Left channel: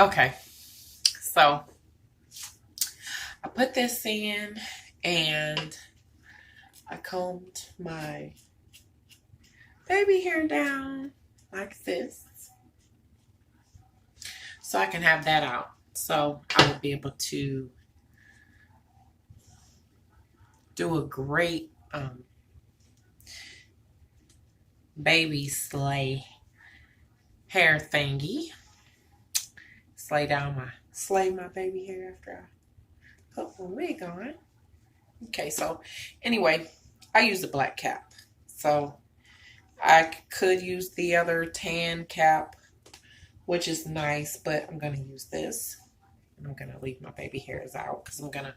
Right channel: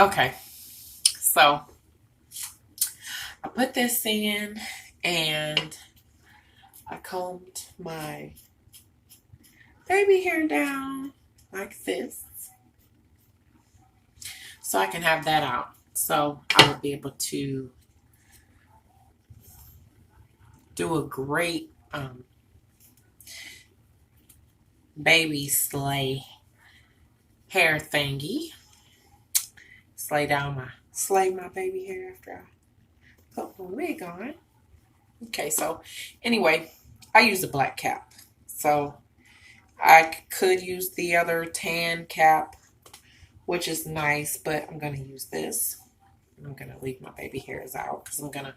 Okay, so I put this in and I combed my baby hair down like this so I can have that out. So I will be able to do a great baby hair thingy. Slay my baby hair after I put my wig on. Okay, so anyway, I use a black cap. So I could use the other tan cap, which is nice, but I'm going to use this. I'm going to leave my baby hairs out because I'm going to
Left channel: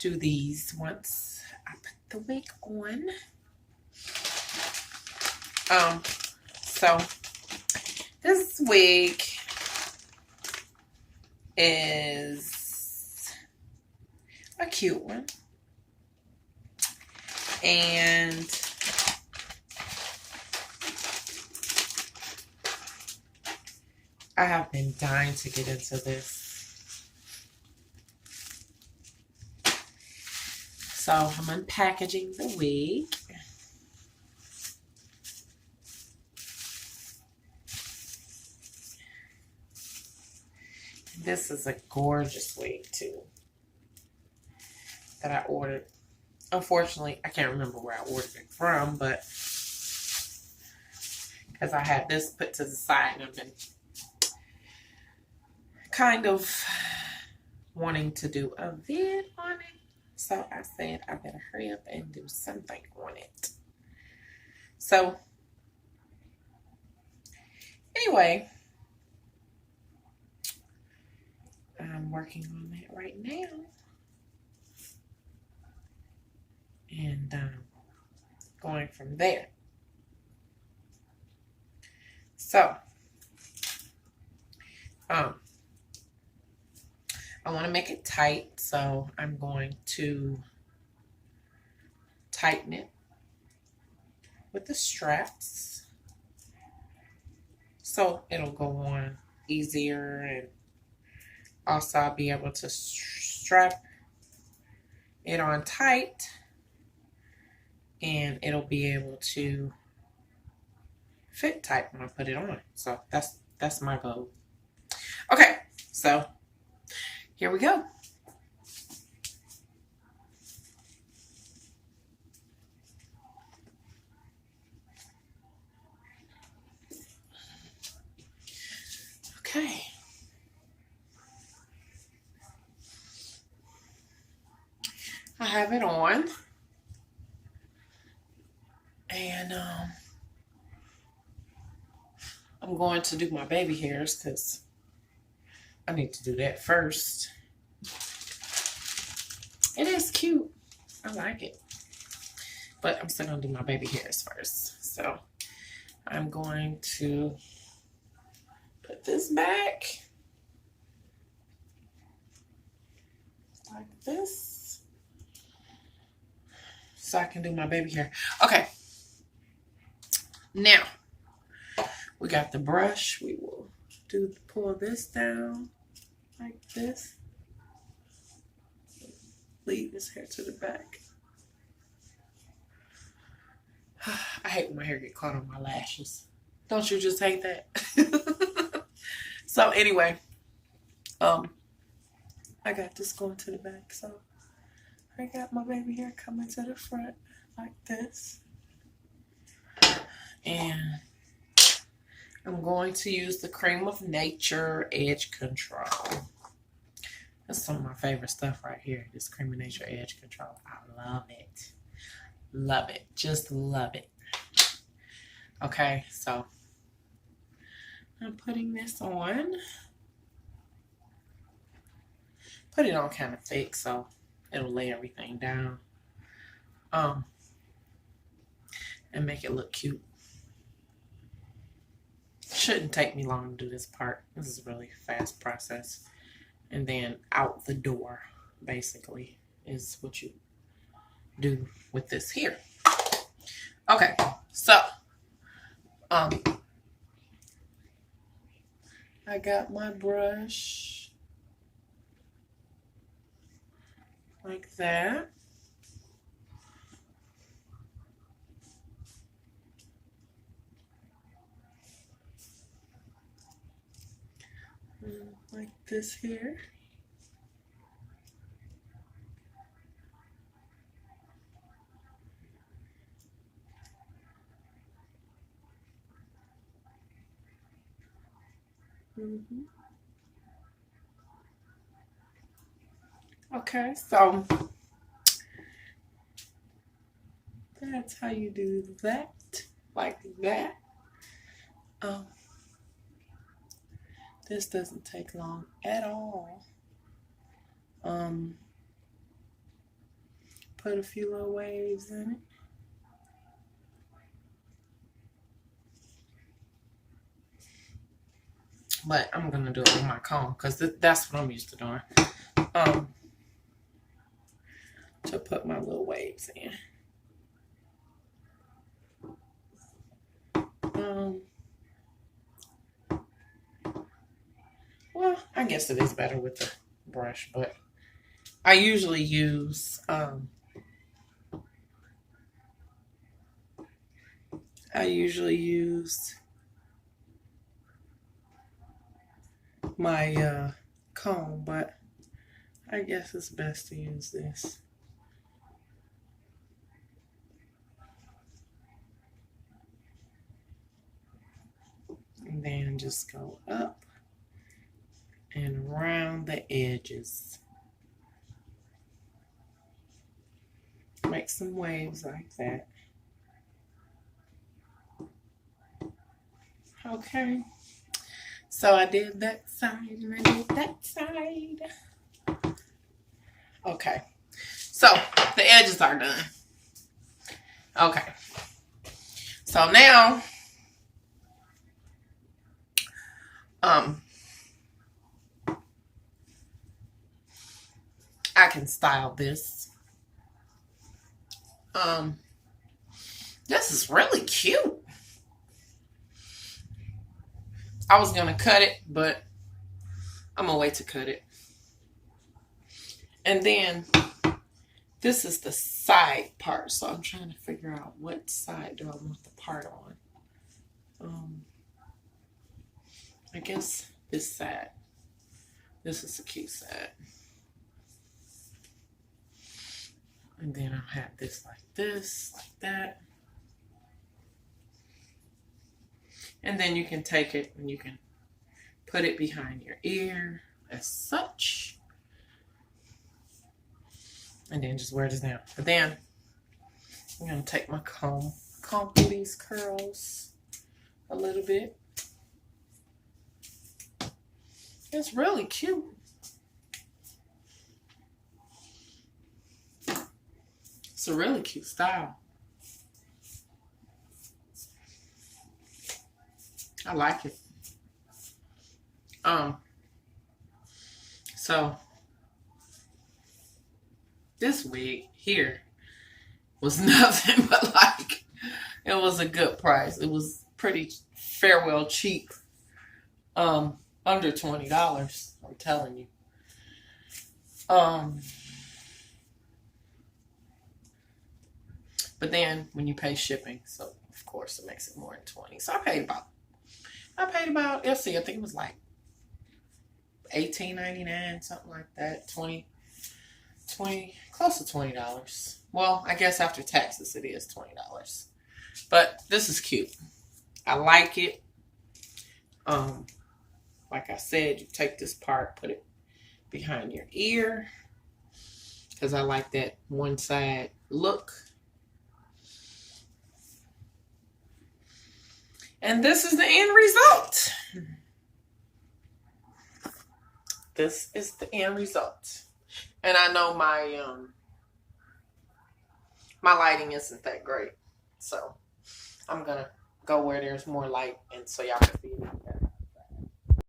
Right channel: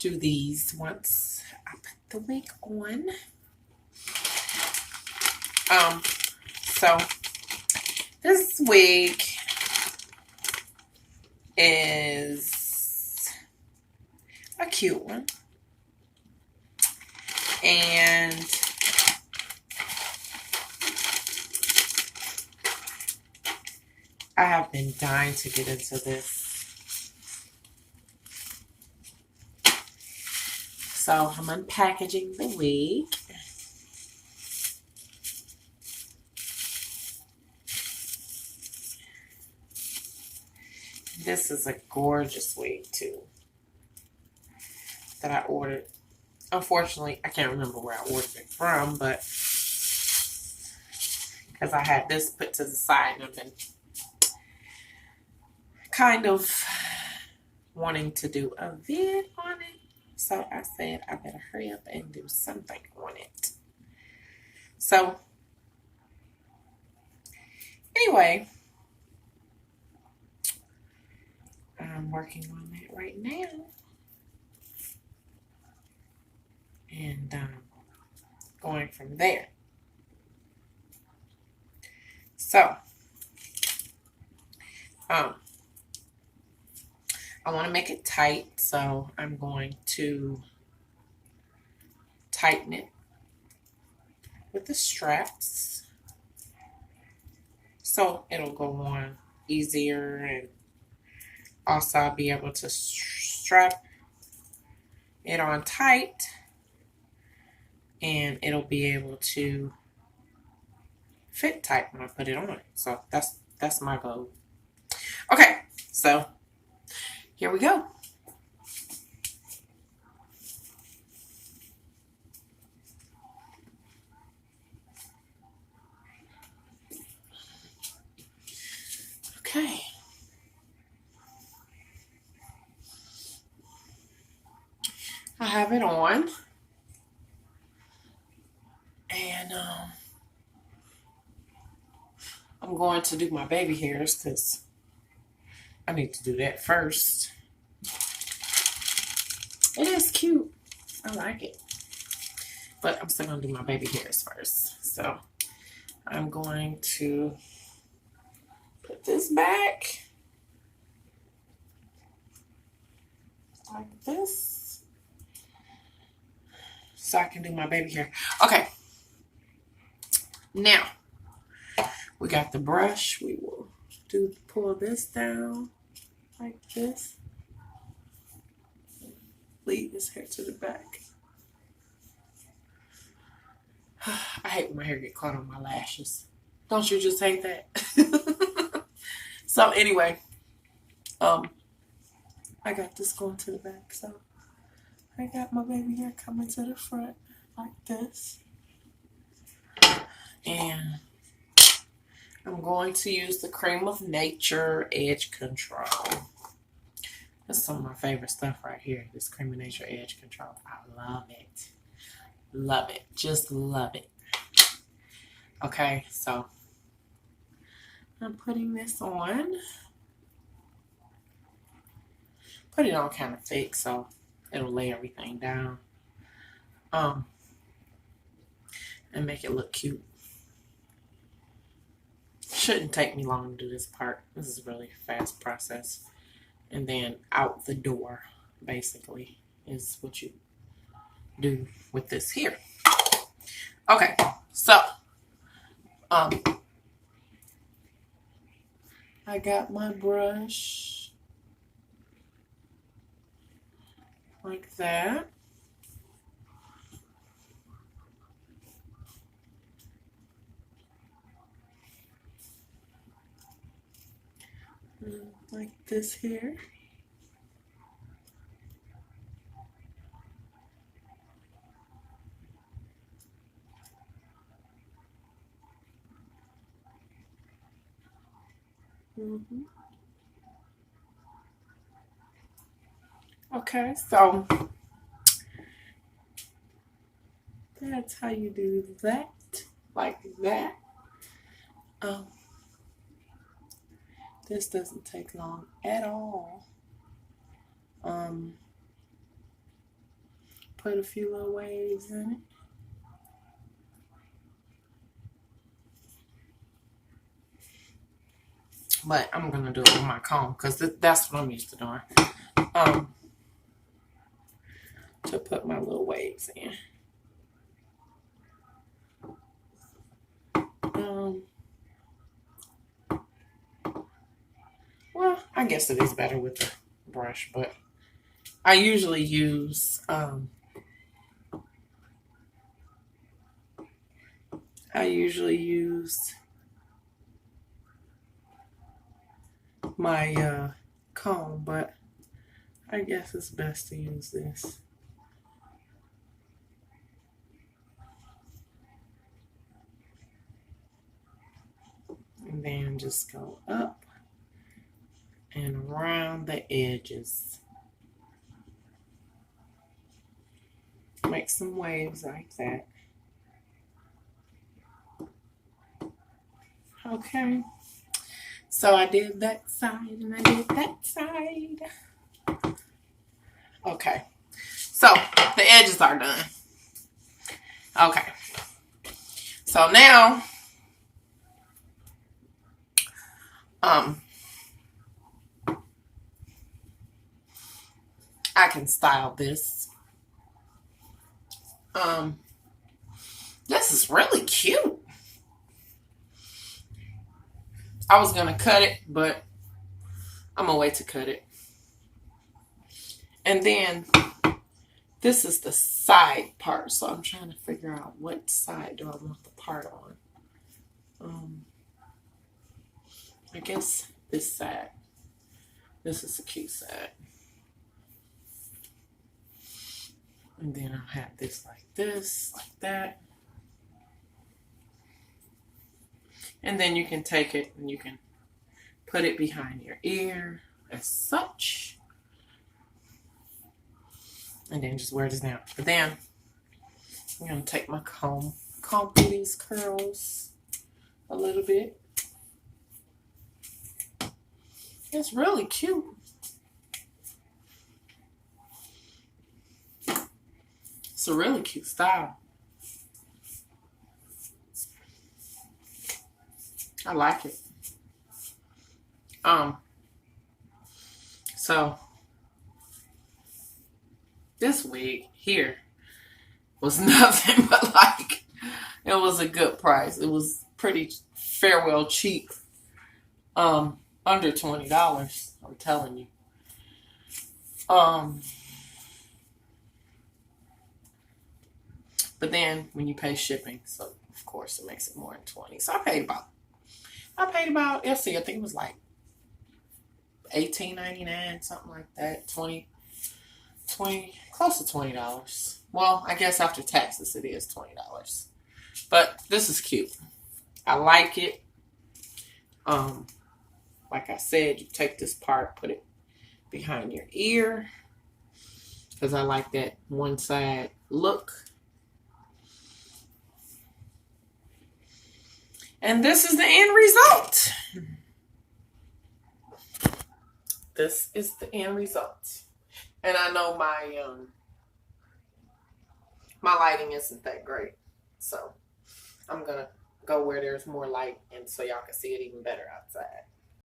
do these once I put the wig on. So this wig is a cute one. And I have been dying to get into this. So I'm unpackaging the wig. This is a gorgeous wig too that I ordered. Unfortunately, I can't remember where I ordered it from, but because I had this put to the side and I've been kind of wanting to do a vid on it. So I said I better hurry up and do something on it. So anyway, I'm working on that right now. And going from there. So, I want to make it tight, so I'm going to tighten it with the straps so it'll go on easier, and also I'll be able to strap it on tight and it'll be able to fit tight when I put it on. So that's my goal. Okay, so here we go. Okay. I have it on. And I'm going to do my baby hairs because I need to do that first. It is cute. I like it. But I'm still going to do my baby hairs first. So I'm going to put this back like this so I can do my baby hair. Okay. Now, we got the brush. We will pull this down like this. Leave this hair to the back. I hate when my hair get caught on my lashes. Don't you just hate that? So anyway, I got this going to the back. So I got my baby hair coming to the front like this. And I'm going to use the Cream of Nature Edge Control. That's some of my favorite stuff right here. This Cream of Nature Edge Control. I love it. Love it. Just love it. Okay, so I'm putting this on. Put it on kind of thick so it'll lay everything down. And make it look cute. Shouldn't take me long to do this part. This is a really fast process. And then out the door, basically, is what you do with this here. Okay, so I got my brush like that. Like this here. Okay, so that's how you do that, like that. Um, this doesn't take long at all. Put a few little waves in it. But I'm gonna do it with my comb because that's what I'm used to doing. To put my little waves in. Well, I guess it is better with the brush, but I usually use my comb, but I guess it's best to use this. And then just go up and around the edges. Make some waves like that. Okay. So I did that side and I did that side. Okay. So the edges are done. Okay. So now I can style this. This is really cute. I was gonna cut it, but I'm gonna wait to cut it. And then this is the side part, so I'm trying to figure out what side do I want the part on. I guess this side. This is the cute side. And then I'll have this, like that. And then you can take it and you can put it behind your ear as such. And then just wear this down. But then I'm going to take my comb through these curls a little bit. It's really cute. It's a really cute style. I like it. So this wig here was nothing but it was a good price. It was pretty well cheap. Under $20, I'm telling you. But then when you pay shipping, so of course it makes it more than 20. So I paid about, let's see, I think it was like $18.99, something like that. 20, close to $20. Well, I guess after taxes it is $20. But this is cute. I like it. Like I said, you take this part, put it behind your ear, because I like that one side look. And this is the end result. This is the end result. And I know my my lighting isn't that great. So I'm going to go where there's more light and so y'all can see it even better out